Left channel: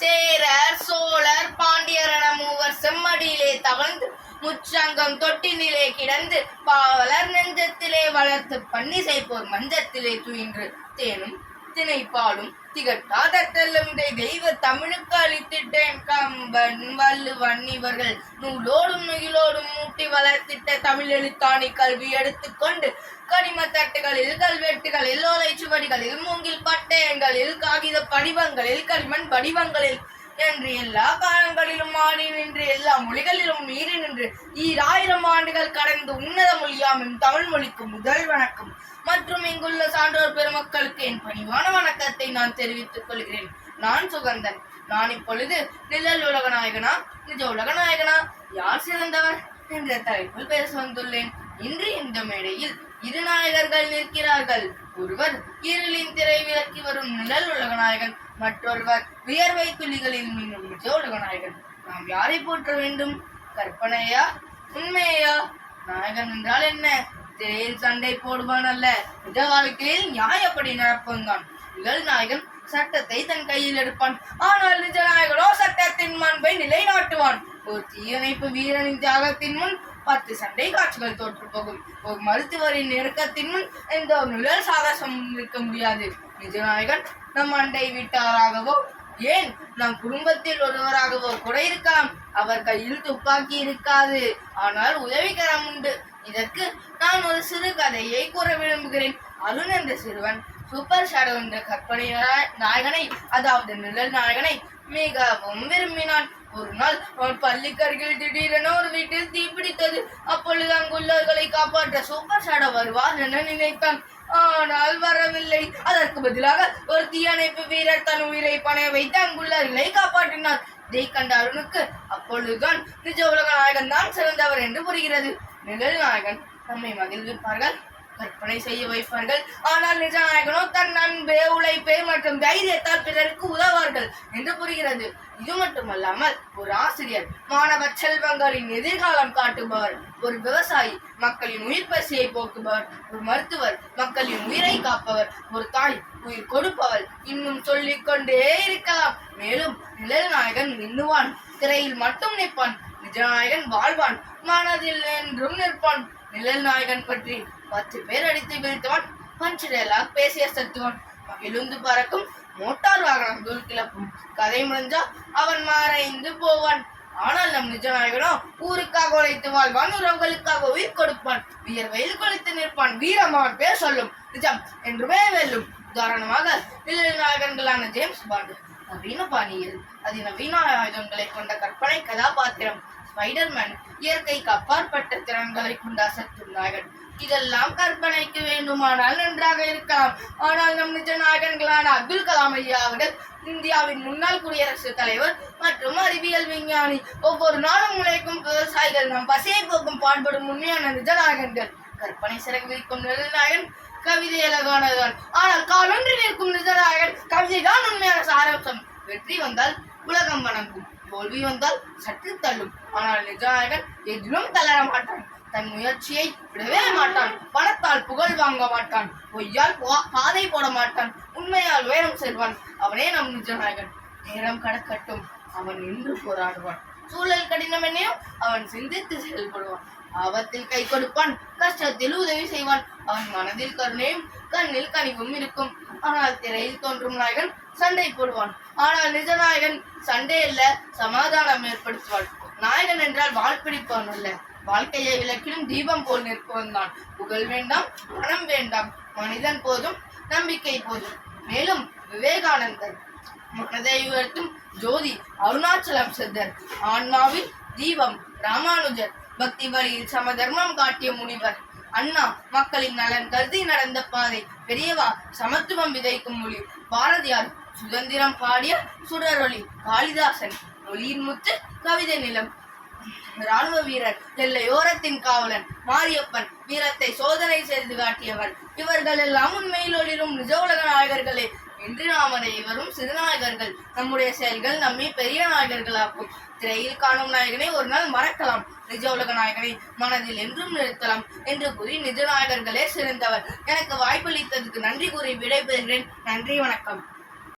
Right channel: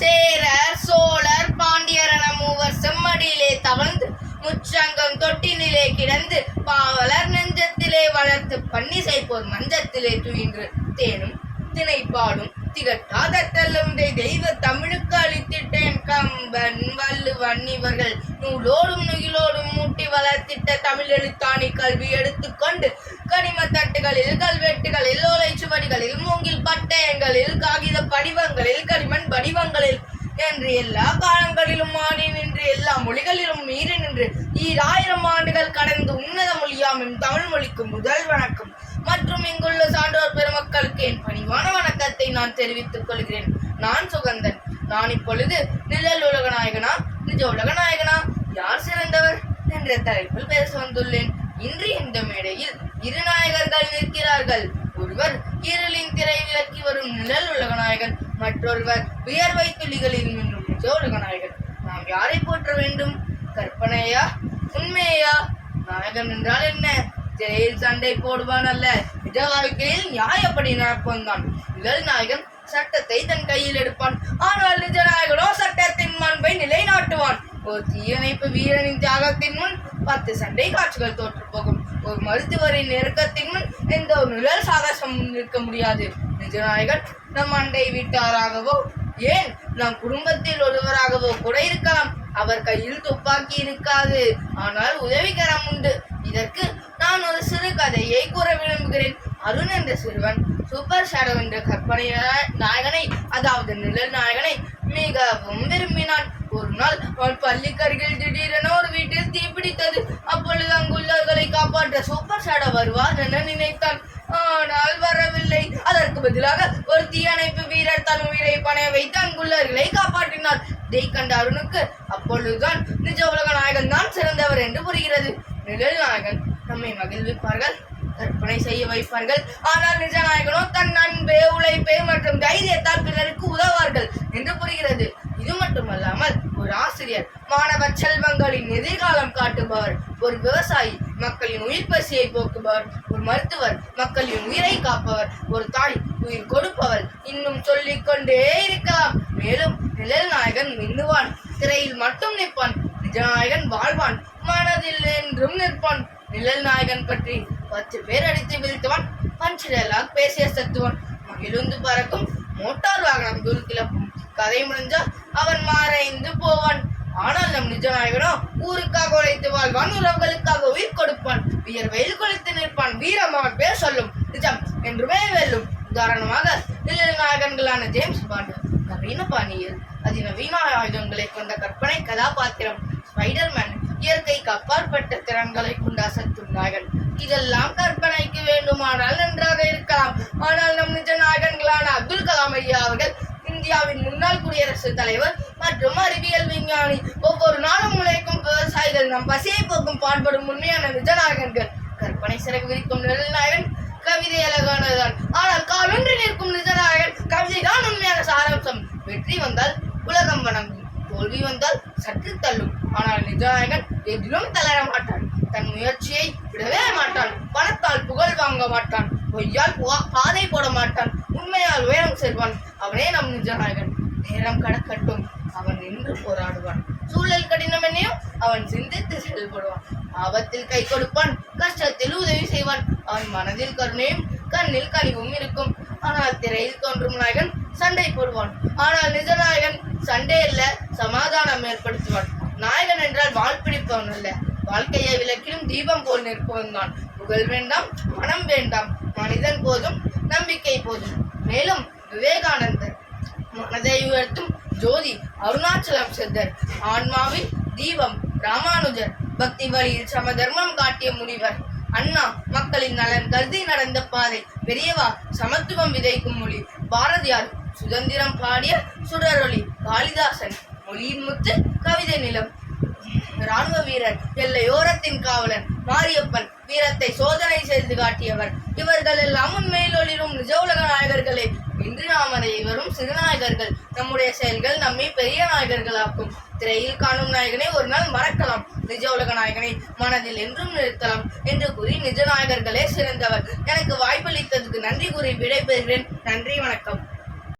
சேரர் சோழர் பாண்டியர் என மூவர் செம்மடியிலே தவழ்ந்து முச்சங்கம் தொட்டினிலே கிடந்து பாவலர் நெஞ்சத்திலே வளர்த்து பன்னிசை போர் மஞ்சத்திலே துயின்று தேனும் திணைப்பாடும் திகட்டாத தெல்லுந்தை தெய்வ தமிழுக்கு அளித்திட்டேன். கம்பன் வள்ளுவன் இவர்கள் நூலோடும் நுகிலோடும் மூட்டி வளர்த்திட்ட தமிழ் எழுத்தாணி கல்வி எடுத்துக்கொண்டு கனிம தட்டுகளில் கல்வெட்டுகளில் ஓலை சுவடிகளில் மூங்கில் பட்டயங்களில் காகித படிவங்களில் களிமண் படிவங்களில் என்று எல்லா காலங்களிலும் ஆடி நின்று எல்லா மொழிகளிலும் மீறி நின்று ஈராயிரம் ஆண்டுகள் கடந்து உன்னத மொழியாமும் தமிழ் மொழிக்கு முதல் வணக்கம். மற்றும் இங்குள்ள சான்றோர் பெருமக்களுக்கு என் பணிவான வணக்கத்தை நான் தெரிவித்துக் கொள்கிறேன். நான் சுகந்தன். நான் இப்பொழுது நிழல் உலக நாயகனா நிஜ உலக நாயகனா யார் சிறந்தவர் என்ற தலைப்பில் பேச வந்துள்ளேன். இன்று இந்த மேடையில் இரு நாயகர்கள் நிற்கிறார்கள். ஒருவர் இருளின் திரை விலக்கி வரும் நிழல் உலக நாயகன் மற்றொருவர் வியர்வை துளிகளில் மின்னும் நாயகன் நாம் யாரை போற்ற வேண்டும்? கற்பனையா? உண்மையா? நாயகன் என்றால் என்ன? திரையில் சண்டை போடுவான் அல்ல. நிஜ வாழ்க்கையில் நியாயப்படி நடப்பவன் தான். நிழல் நாயகன் சட்டத்தை தன் கையில் எடுப்பான். ஆனால் நிஜ நாயகனோ சட்டத்தின் மாண்பை நிலைநாட்டுவான். ஒரு தீயணைப்பு வீரனின் தியாகத்தின் முன் பத்து சண்டை காட்சிகள் தோற்று போகும் ஒரு மருத்துவரின் நெருக்கத்தினுள் எந்த ஒரு நிழல் சாகசம் நிற்க முடியாது. நிஜநாயகன் நம் அண்டை வீட்டாராகவோ ஏன் நம் குடும்பத்தில் ஒருவராகவோ கூட இருக்கலாம். அவர் கையில் துப்பாக்கி இருக்காது. ஆனால் உதவிகரம் உண்டு. இதற்கு நான் ஒரு சிறு கதையை கூற விரும்புகிறேன். அருண் என்ற சிறுவன் சூப்பர் ஷேடோ என்ற கற்பனை நாயகனை அதாவது நிழல் நாயகனை மிகவும் விரும்பினான். ஒரு நாள் அவன் பள்ளிக்கருகில் திடீரென ஒரு வீட்டில் தீப்பிடித்தது. அப்பொழுது அங்குள்ளவர்களை அந்த சூப்பர் ஷேடோ வருவார் என நினைத்தான். ஆனால் வரவில்லை. அதற்கு பதிலாக ஒரு தீயணைப்பு வீரர் தன் உயிரை பணைய வைத்து அங்குள்ளவர்களை காப்பாற்றினார். இதை கண்ட அருணுக்கு அப்பொழுதுதான் நிஜ உலக நாயகன் தான் சிறந்தவர் என்று புரிகிறது. நிழல் நாயகன் நம்மை மகிழ்விப்பார்கள்? கற்பனை செய்ய வைப்பார்கள். ஆனால் நிஜநாயகனோ தன் அன்பே உழைப்பு மற்றும் தைரியத்தால் பிறருக்கு உதவார்கள் என்று புரிகிறது. இது மட்டுமல்லாமல் ஒரு ஆசிரியர் மாணவர் செல்வங்களின் எதிர்காலம் காட்டுபவர் ஒரு விவசாயி மக்களின் உயிர் பசியை போக்குபவர் ஒரு மருத்துவர் மக்களின் உயிரை காப்பவர் ஒரு தாய் உயிர் கொடுப்பவர் இன்னும் சொல்லிக் கொண்டே இருக்கலாம். மேலும் நிழல்நாயகன் மின்னுவான் திரையில் மட்டும் நிற்பான் நிஜநாயகன் வாழ்வான் மனதில் என்றும் நிற்பான். நிழல் நாயகன் பற்றி பத்து பேர் அடித்து வீழ்த்துவான் பஞ்சு டயலாக் பேசிய சத்துவான். மகிழுந்து பறக்கும் மோட்டார் வாகனம் தூள் கிளப்பும். கதை முடிஞ்சா அவன் மாறைந்து போவான். ஆனால் நம் நிஜ நாயகனோ ஊருக்காக உழைத்து வாழ்வான் உறவுகளுக்காக உயிர் கொடுப்பான். வியர்வையில் குளித்து நிற்பான். வீரமான் பேர் சொல்லும். நிஜம் என்றுமே வெல்லும். உதாரணமாக நிழல் நாயகன்களான ஜேம்ஸ் பாண்டு. நவீன பாணியில் அதிநவீன ஆயுதங்களை கொண்ட கற்பனை கதாபாத்திரம். ஸ்பைடர்மேன் இயற்கைக்கு அப்பாற்பட்ட திறன்களை கொண்ட நாயகன் இதெல்லாம் கற்பனைக்கு வேண்டுமானால் நன்றாக இருக்கலாம். ஆனால் நம் நிஜ நாயகன்களான அப்துல் கலாம் ஐயா அவர்கள் இந்தியாவின் முன்னாள் குடியரசுத் தலைவர் மற்றும் அறிவியல் விஞ்ஞானி ஒவ்வொரு நாளும் உழைக்கும் விவசாயிகள் நம் பசியை போக்கும் பாடுபடும் உண்மையான நிஜநாயகன்கள் கற்பனை சிறகு விரிக்கும் நிழல்நாயகன் கவிதை அழகானதுதான் ஆனால் காலொன்றி நிற்கும் நிஜநாயகன் நாயகன் கவிதைதான் உண்மையான சாராம்சம். வெற்றி வந்தால் உலகம் வணங்கும். தோல்வி வந்தால் சற்று தள்ளும். ஆனால் நிஜநாயகன் எதிலும் தளர மாட்டான். தன் முயற்சியை விடவே மாட்டான். பணத்தால் புகழ் வாங்க மாட்டான். பொய்யால் பாதை போட மாட்டான். உண்மையால் உயரம் செல்வான். அவனே நம் நிஜநாயகன். நேரம் கடக்கட்டும். அவன் நின்று போராடுவான். சூழல் கடினமெனையும் அவன் சிந்தித்து செயல்படுவான். ஆபத்தில் கை கொடுப்பான். கஷ்டத்தில் உதவி செய்வான். அவன் மனதில் கருணையும் கண்ணில் கனிவும் இருக்கும். ஆனால் திரையில் தோன்றும் நாயகன் சண்டை போடுவான். ஆனால் நிஜநாயகன் சண்டை இல்ல சமாதானம் ஏற்படுத்துவான். நாயகன் என்றால் வாழ்பிடிப்பவன் அல்ல. வாழ்க்கையை விளக்கிலும் தீபம் போல் நிற்பவன் தான். புகழ் வேண்டாம் பணம் வேண்டாம். மனிதன் போதும் நம்பிக்கை போதும். மேலும் விவேகானந்தர் மனதை உயர்த்தும் ஜோதி அருணாச்சலம் சித்தர் ஆன்மாவில் தீபம் ராமானுஜர் பக்தி வழியில் சமதர்மம் காட்டிய முனிவர். அண்ணா மக்களின் நலன் கருதி நடந்த பாதை. பெரியவா சமத்துவம் விதைக்கும் மொழி பாரதியார் சுதந்திரம் பாடிய சுடரொளி காளிதாசன் மொழியின் முத்து கவிதை நிலம். ராணுவ வீரர் எல்லையோரத்தின் காவலன் மாரியப்பன் வீரத்தை சோதனை செய்து காட்டியவர். இவர்கள் எல்லாம் உண்மையில் ஒளிரும் நிஜ உலக நாயகர்களே. இன்று நாம் அனைவரும் சிறுநாயகர்கள். நம்முடைய செயல்கள் நம்மை பெரிய நாயகர்களாக்கும். திரையில் காணும் நாயகனை ஒரு நாள் மறக்கலாம். நிஜ உலக நாயகனை மனதில் என்றும் நிறுத்தலாம் என்று கூறி நிஜ நாயகர்களே சிறந்தவர். எனக்கு வாய்ப்பளித்ததுக்கு நன்றி கூறி விடைபெறுகிறேன். நன்றி வணக்கம்.